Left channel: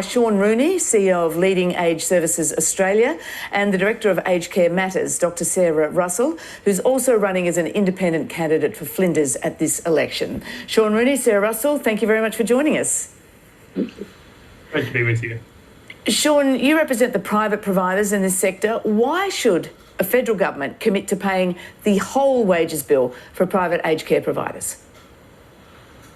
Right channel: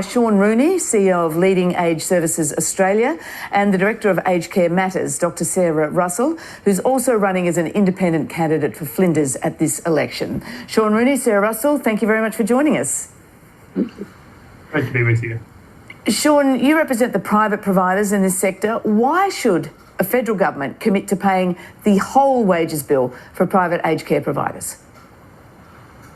by Sean Rooney, CEO of Leading Age Services Australia, and the Director of Aged Care Matters, Dr Sarah Russell, who's also running as an independent candidate for Flinders at this election. Sean Rooney, Sarah Russell, thank you very much for joining us. Thank you. Great to be with you. Sean, you represent the private providers in this sector. Why should a federal government commit to paying the whole wages bill for private aged care providers?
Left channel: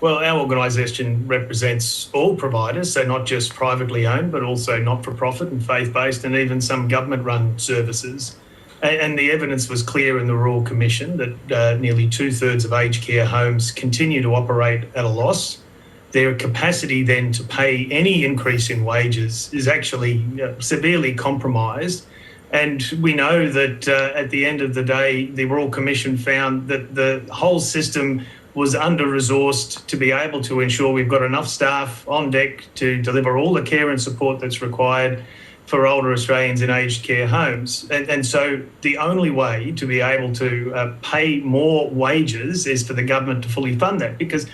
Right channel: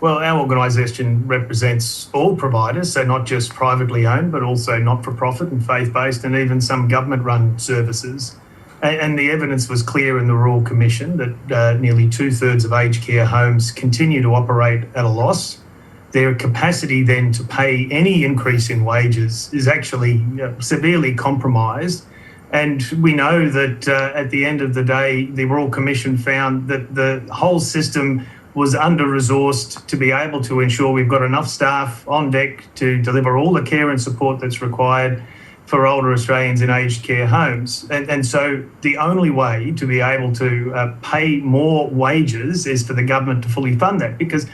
Well, our organisation represents all providers, so not just privately owned, but also not-for-profit and faith-based, and even some government-run services. And the evidence was clear in the Royal Commission that nearly two-thirds of aged care homes continue to operate at a loss. Their capacity then to pay any increase in wages is actually severely compromised. And we know that at the end of the day, the Royal Commission found that the whole system was under-resourced to be able to ensure we've got enough staff on deck to deliver all the care and support that's required for older Australians in aged care homes. And so the only way to be able to pay more wages is for the government to fully fund that, because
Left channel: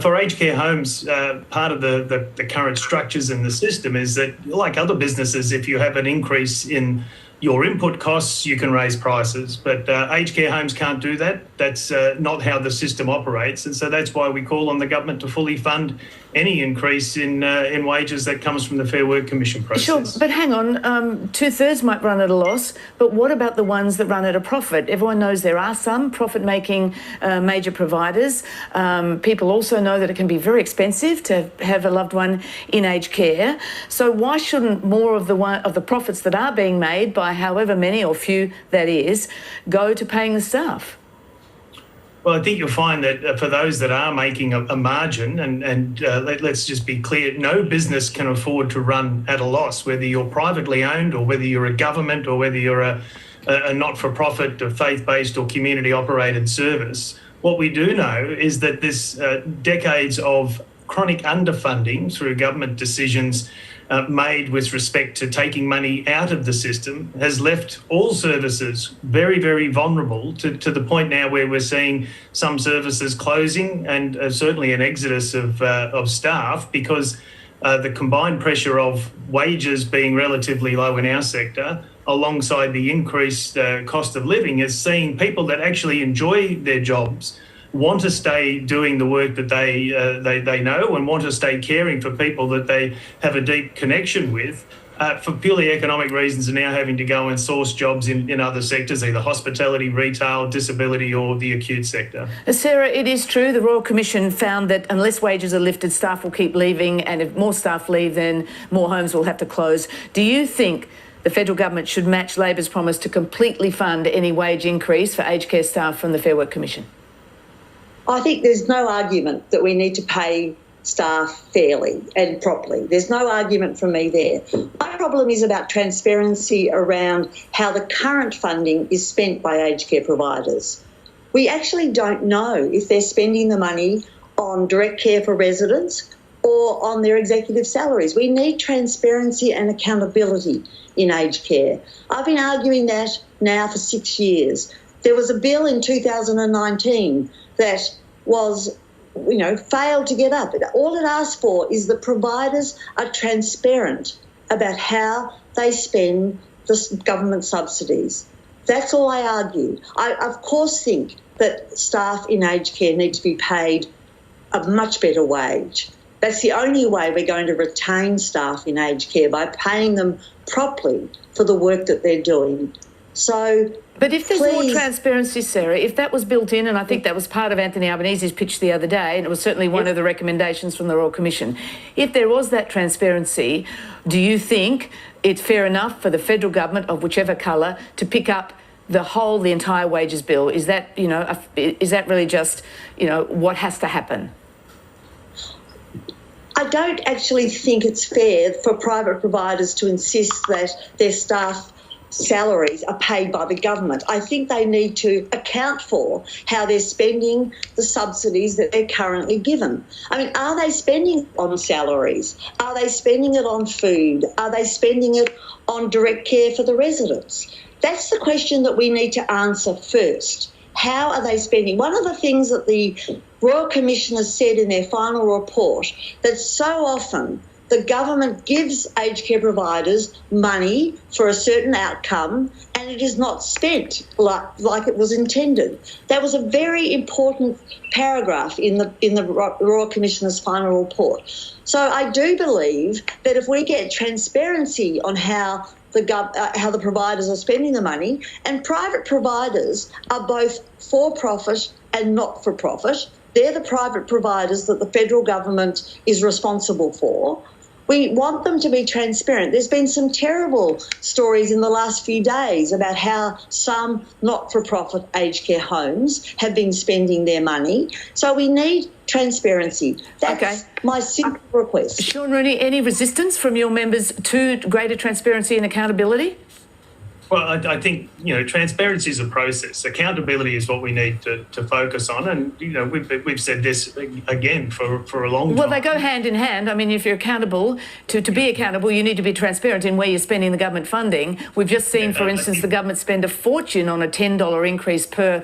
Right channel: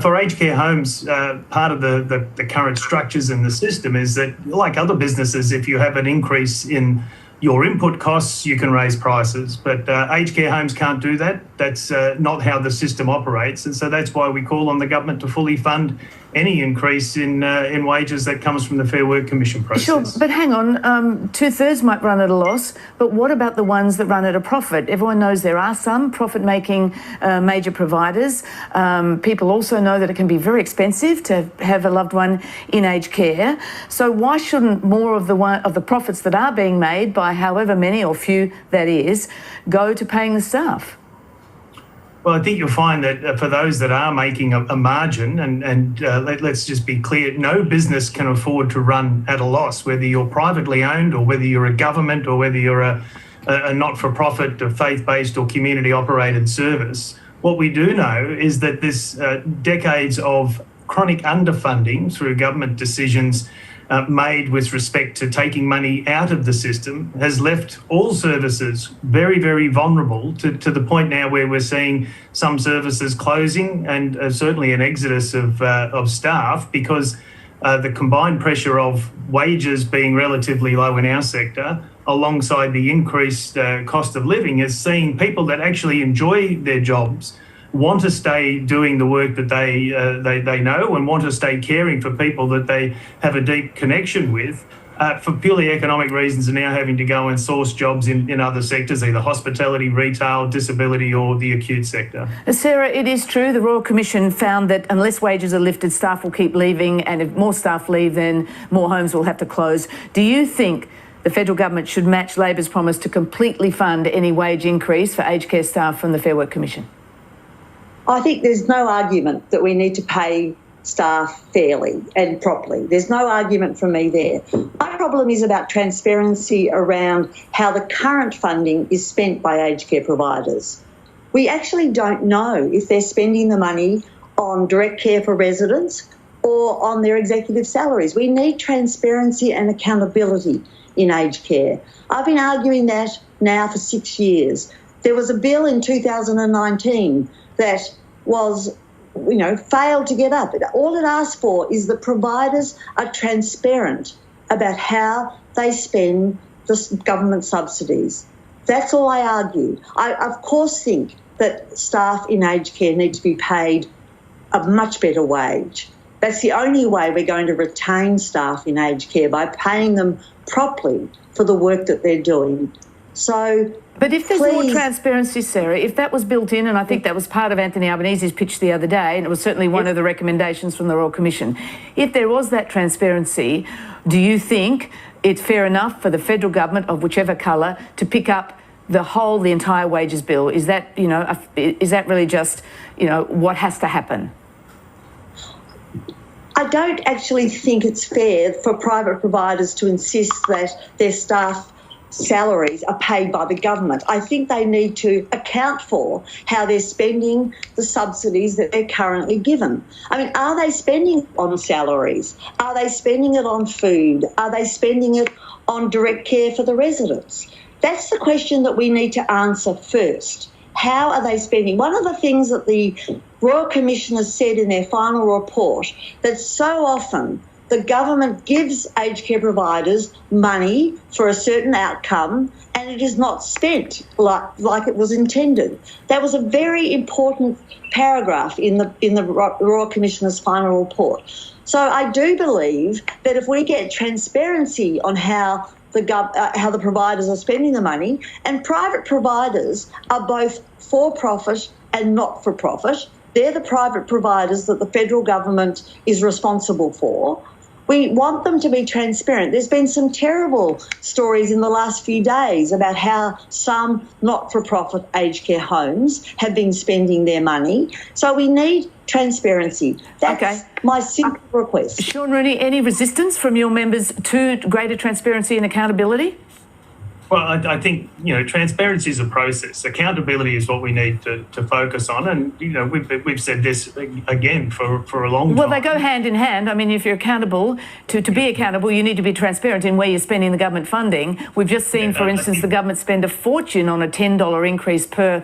for aged care homes, part of the current structures in the system is that, like other businesses, if you have an increase in your input costs, you can raise prices, but aged care homes can't do that. That's not how the system operates, and so that's why we call on the government to fully fund any increase in wages that comes from the Fair Work Commission process. Sure, but hang on, two-thirds might run at a loss, but what about the ones that run at a profit? Everyone knows there are some profit-making major providers. People also know that it can be very expensive to have a loved one in aged care. So why shouldn't more of the profits that are being made by however many or few that is go to paying the staff? Well, I think you'll find that for those that are making a margin, and let's just be clear, no business can afford to run at a loss, whether you're privately owned or whether you're a government or whether you're a not-for-profit, a faith-based or community-operated service. What we do know is that this decades of chronic underfunding through government decisions made with respect to taking money out of the system has left all services very, very vulnerable to the point now where we're seeing some services closing and certainly an exodus of staff because the combined pressure of wages being relatively low in our sector alongside the increased cost of living is seeing people that actually enjoy their jobs want to stay doing the work that they know and want to stay caring for people that they have a deep connection with, for purely economic reasons are now having to go and source jobs in other sectors, either hospitality, retail, disability or the acute sector. Sarah, it is true the Royal Commission found that unless wages are lifted, staff will keep leaving, and if more staff leave, then more homes will have to close. Do you think the federal government should match Labor's promise to completely fund any wage increase for aged care staff from the Fair Work Commission? I think there's no argument that we need to pay staff fairly and properly. There's no argument from me there. My problem is about transparency around how the current funding is spent by aged care providers. We actually don't know if they're spending the money on direct care for residents or on their executive salaries. We need transparency and accountability in aged care. I've been arguing that now for 6 years. There was a bill in 2019 that was, failed to get up. All it asks for is the providers are transparent about how they spend the government subsidies. That's all I argue. I, of course, think that staff in aged care need to be paid a much better wage. That's the only way we're going to retain staff in aged care, by paying them properly for the work that they're doing. So, but if there's more transparency, Sarah, if that was built in, and I think that was part of Anthony Albanese's pitch the other day, and it was certainly one of the recommendations from the Royal Commission, if there was that transparency, do you think it's fair enough for the federal government of whichever colour to pick up the entire wages bill? Is that, is that really just, what has to happen? I don't actually think it's fair for private providers to insist that their staff salaries are paid by the government. I think they need to account for how they're spending the subsidies that they're currently given. I mean, are they spending on salaries? Are they spending it on food? Are they spending it on direct care for the residents? That's the question that we need to answer first. How are they spending? One of the things that the Royal Commission has said in their final report, that so often the government gives aged care providers money for a certain outcome and it is not spent like it was intended. That was a very important paragraph in the Royal Commissioner's final report. So I do believe that if we get transparency on how the providers are spending the money, and private providers are both for-profit and not-for-profit. They're the private providers that the federal government is responsible for. We want them to be transparent. There's been some terrible stories in the last few days about how some not-for-profit aged care homes have been spending their money. So we need transparency. That's my simple request. Sean Rooney, any resistance from your members to greater transparency and accountability? Well, I think, transparency is a process. Accountability is what we need to focus on. And, we've said this again for a long time. Well, they go hand in hand. I mean, if you're accountable, to be accountable, you need to be transparent in where you're spending the government funding. We've just seen, for instance, the government spend a fortune on a $10 increase per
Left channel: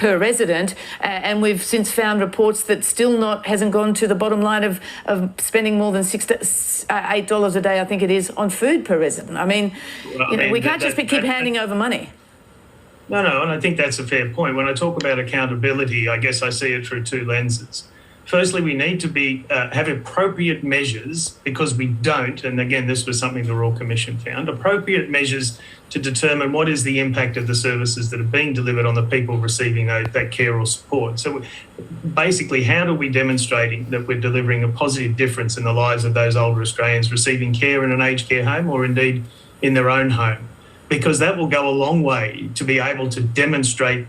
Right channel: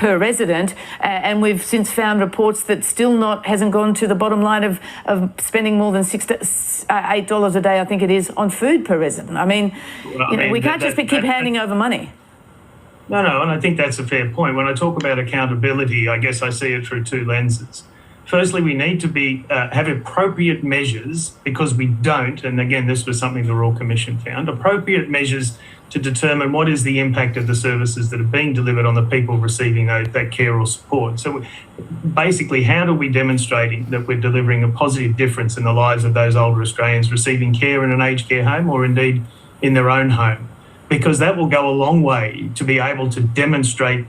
resident. And we've since found reports that still hasn't gone to the bottom line of spending more than $8 a day, I think it is, on food per resident. I mean, we can't just keep handing over money. No, and I think that's a fair point. When I talk about accountability, I guess I see it through two lenses. Firstly, we need to have appropriate measures, because we don't, and again, this was something the Royal Commission found, appropriate measures to determine what is the impact of the services that are being delivered on the people receiving that care or support. So basically, how do we demonstrate that we're delivering a positive difference in the lives of those older Australians receiving care in an aged care home or indeed in their own home? Because that will go a long way to be able to demonstrate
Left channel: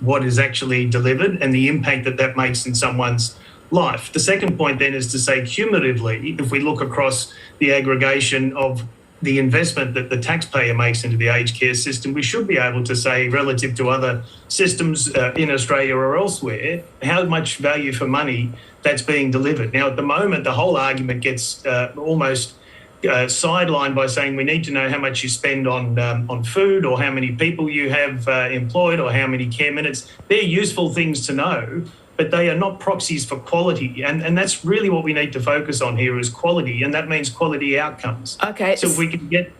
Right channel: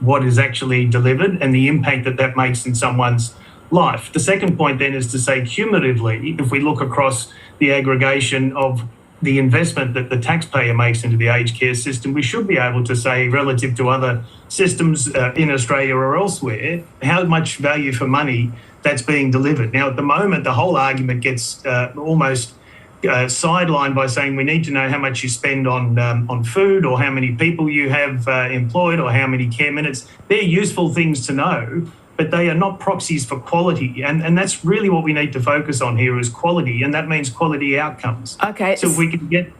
what is actually delivered and the impact that makes in someone's life. The second point then is to say, cumulatively, if we look across the aggregation of the investment that the taxpayer makes into the aged care system, we should be able to say, relative to other systems in Australia or elsewhere, how much value for money that's being delivered. Now, at the moment, the whole argument gets almost sidelined by saying we need to know how much you spend on food, or how many people you have employed, or how many care minutes. They're useful things to know, but they are not proxies for quality. And that's really what we need to focus on here, is quality, and that means quality outcomes. Okay. So if we can get...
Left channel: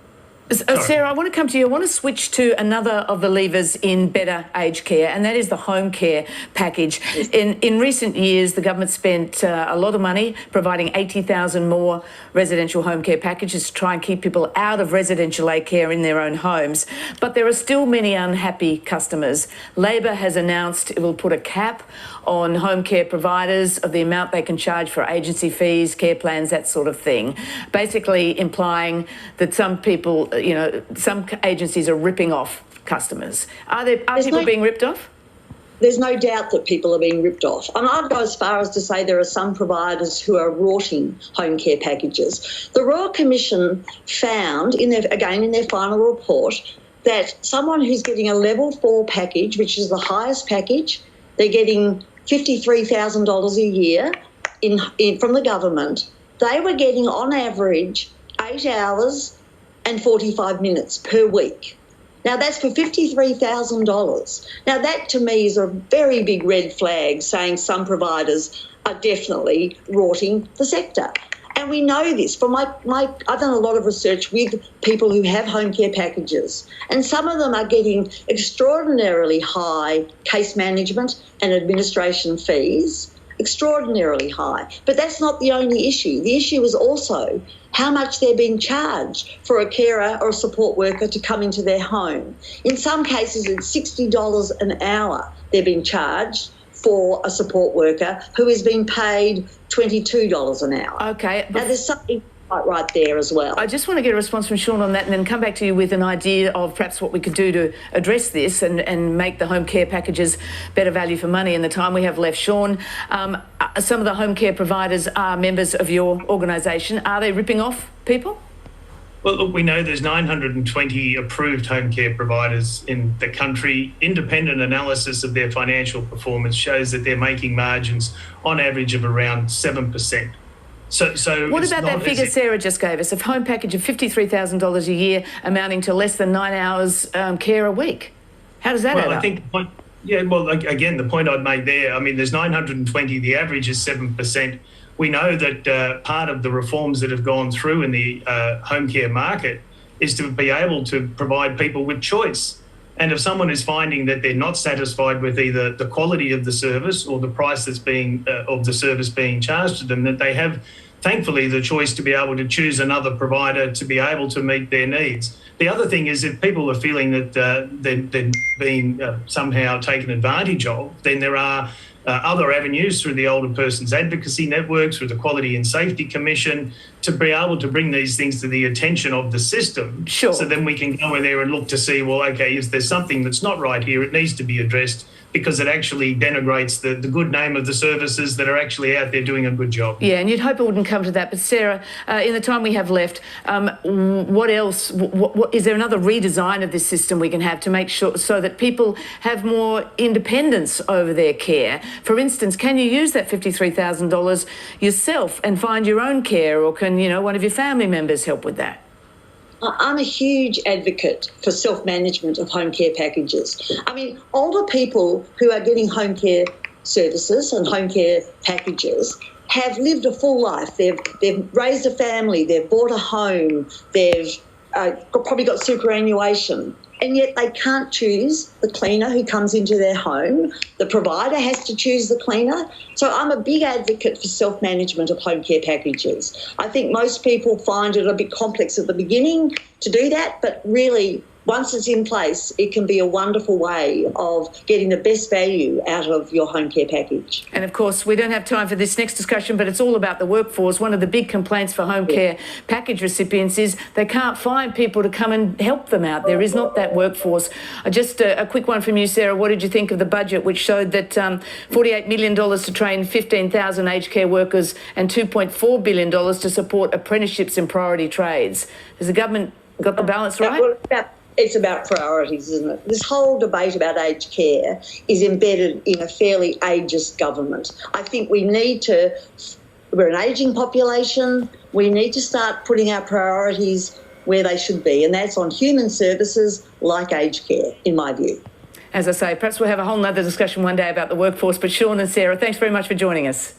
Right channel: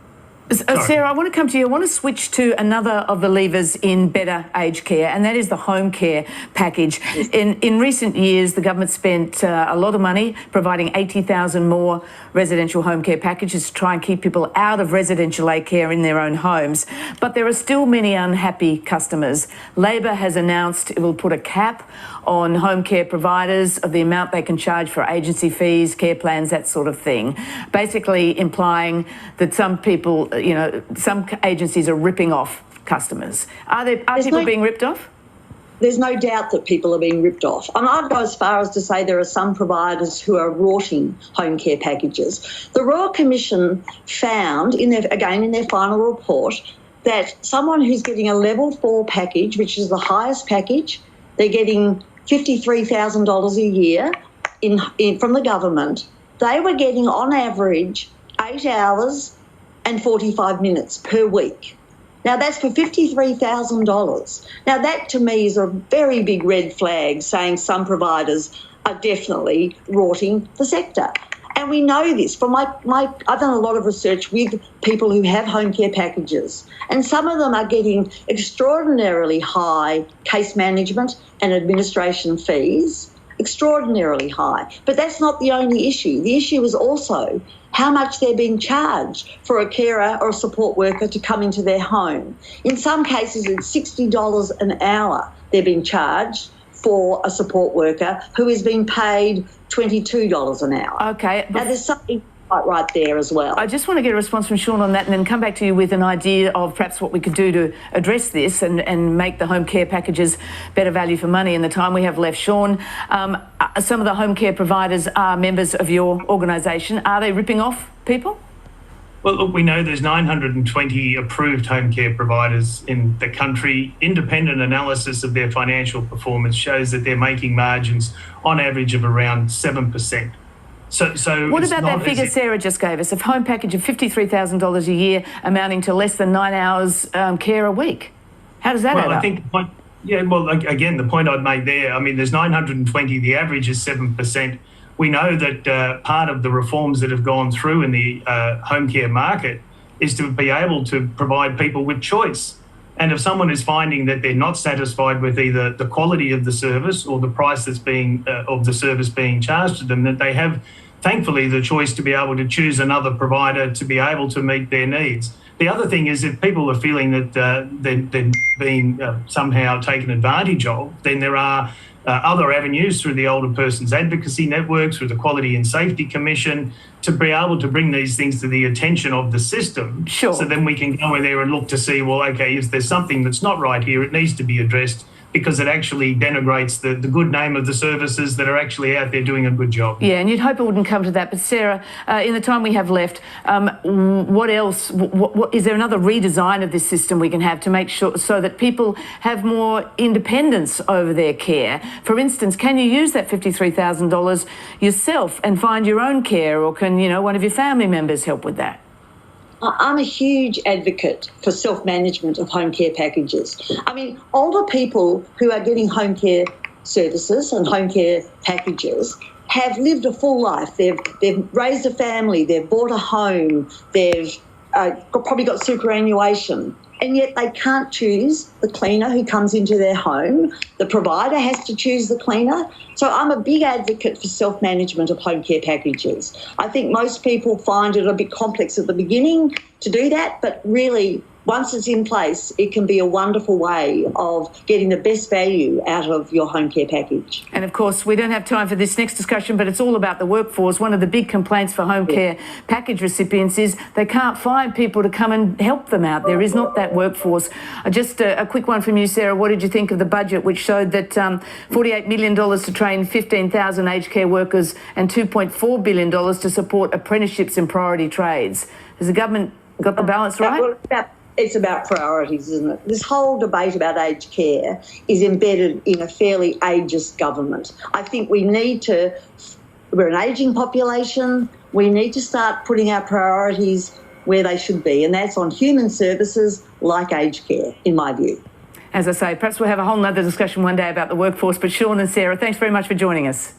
Sarah, I want to come to you. I want to switch to another of the levers in better aged care, and that is the home care package. In recent years, the government spent a lot of money providing 80,000 more residential home care packages to try and keep people out of residential aged care in their own homes. But there are still many unhappy customers. Labor has announced it will put a cap on home care providers of the amount they can charge for agency fees, care plans, that sort of thing, basically implying that some people, some agencies are ripping off customers. Are people being ripped off? There's no doubt that people are being ripped off. And I'd go as far as to say there are some providers who are rorting home care packages. The Royal Commission found, in their final report, that someone who's getting a level 4 package, which is the highest package, they're getting $53,000 a year from the government. They were getting, on average, 8 hours and 45 minutes per week. Now, that's for $53,000. Now, that to me is a very big red flag, saying some providers are definitely rorting the sector. And we know this from I've done a lot of research with people who have home care packages, and some of them are getting extraordinarily high case management and administration fees, extraordinarily high. But that's not the only issue. The issue is also how much they're being charged for a carer or a support worker to come into their home. In some cases, it's $60 an hour they're being charged for a support worker who is being paid $22 an hour. Okay. Now, there's something right there as well. I just want to get a response from Sean on that, and then come back to you with an idea of perhaps what we could do to address this and make the home care packages better value for money in the time we have left. Sean, some of the home care providers are members of your organisation. Are they ripping off people? Well, look, we know there's 920 approved home care providers in the country. Independent analysis of their financial performance shows that they're making margins on average of around 7%. So what about that figure Sarah just gave us, of home package of $53,000 a year, amounting to less than 9 hours care a week? How does that add up? I think again, the point I'd make there, I mean, there's 920, the average is 7%. we know that part of the reforms that have gone through in the home care market is to be able to provide people with choice. And if someone is finding that they're not satisfied with either the quality of the service or the price that's being of the service being charged to them, that they have, thankfully, the choice to be able to choose another provider to be able to meet their needs. The other thing is, if people are feeling that they're being somehow taken advantage of, then there are other avenues through the Older Persons Advocacy Network, through the Quality and Safety Commission, to be able to bring these things to the attention of the system. Sure. So then we can go in there and look to see, well, okay, if there's something that's not right here, it needs to be addressed, because it actually denigrates the good name of the services that are actually out there doing a good job. Yeah, and you'd hope it wouldn't come to that. But Sarah, in the time we have left, what else? What is there another redesign of this system we can have to make sure so that people have more independence over their care? For instance, can you use that $53,000 yourself and find your own care, or can one of your family members help with that? I'm a huge advocate for self-management of home care packages. I mean, older people who are getting home care services and home care packages have lived a full life. They've raised a family, they've bought a home, they've probably got superannuation, and yet they can't choose the cleaner who comes into their home. The provider has to choose the cleaner. So I'm a big advocate for self-management of home care packages. I think most people find it a bit complex at the beginning to do that, but really, once it's in place, it can be a wonderful way of getting the best value out of your home care package. And of course, we don't have time for this next discussion, but it's all about the workforce. One of the big complaints for home care package recipients is they can't find people to come and help them out. There is not that workforce. Just a quick one from you, Sarah. What did you think of the budget, which showed that $48 million to train 15,000 aged care workers and $2.4 billion to support apprenticeships in priority trades? Has the government got the balance right? It's about priorities, isn't it? This whole debate about aged care is embedded in a fairly ageist government. I think we're an ageing population. We need to start putting our priorities where they should be, and that's on human services like aged care, in my view. As I say, perhaps we'll have a whole nother discussion one day about the workforce, but Sean and Sarah, thanks very much for joining us.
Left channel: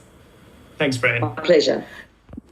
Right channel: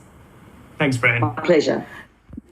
Thanks, Fran. My pleasure.